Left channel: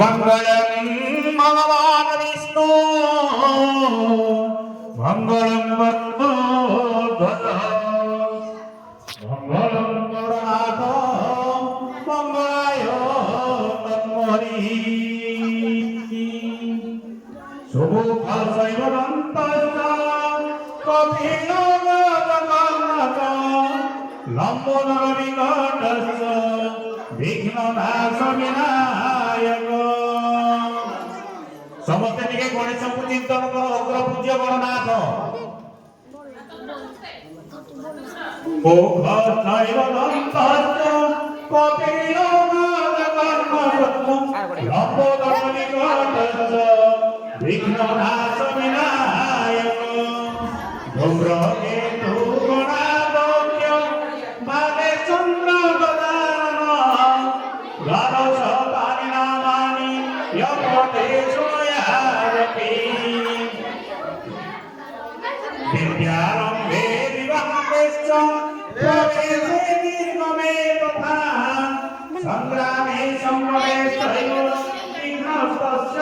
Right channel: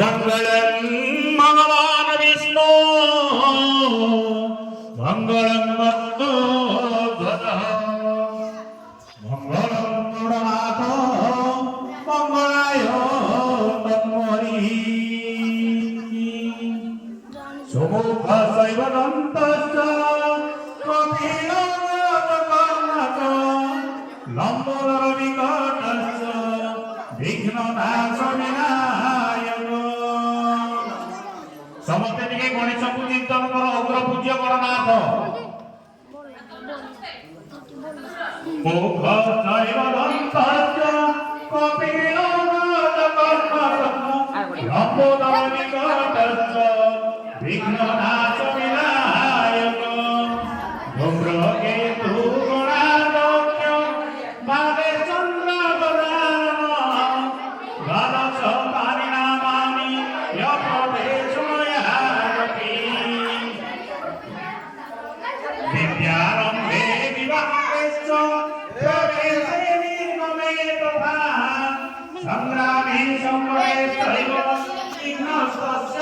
मंगलम भगवान विष्णु मंगलम गरुड़ध्वज मंगलम गरुड़नाथ मंगलाय तन्महि सुमुखस्यैव दन्तश्च कपिलगजकर्णक लम्बोदरविकटश्च विघ्ननाशविनायक समस्त टिके गणेश को चिंतन कर अग्र पूज्य गणनाथ मुखस्यैव दन्तश्च कपिलगजकर्णक लम्बोदरविकटश्च विघ्ननाशविनायक धूम्रकेतु गुणालोक्य बाले चन्द्र गदारण द्वादश परिणामानि यपठेषु यारपि विद्यारम्भे विवाहेश्च प्रवेशे निर्गमे तथा संग्रामे संग्रहे चैव विघ्नस्तस्य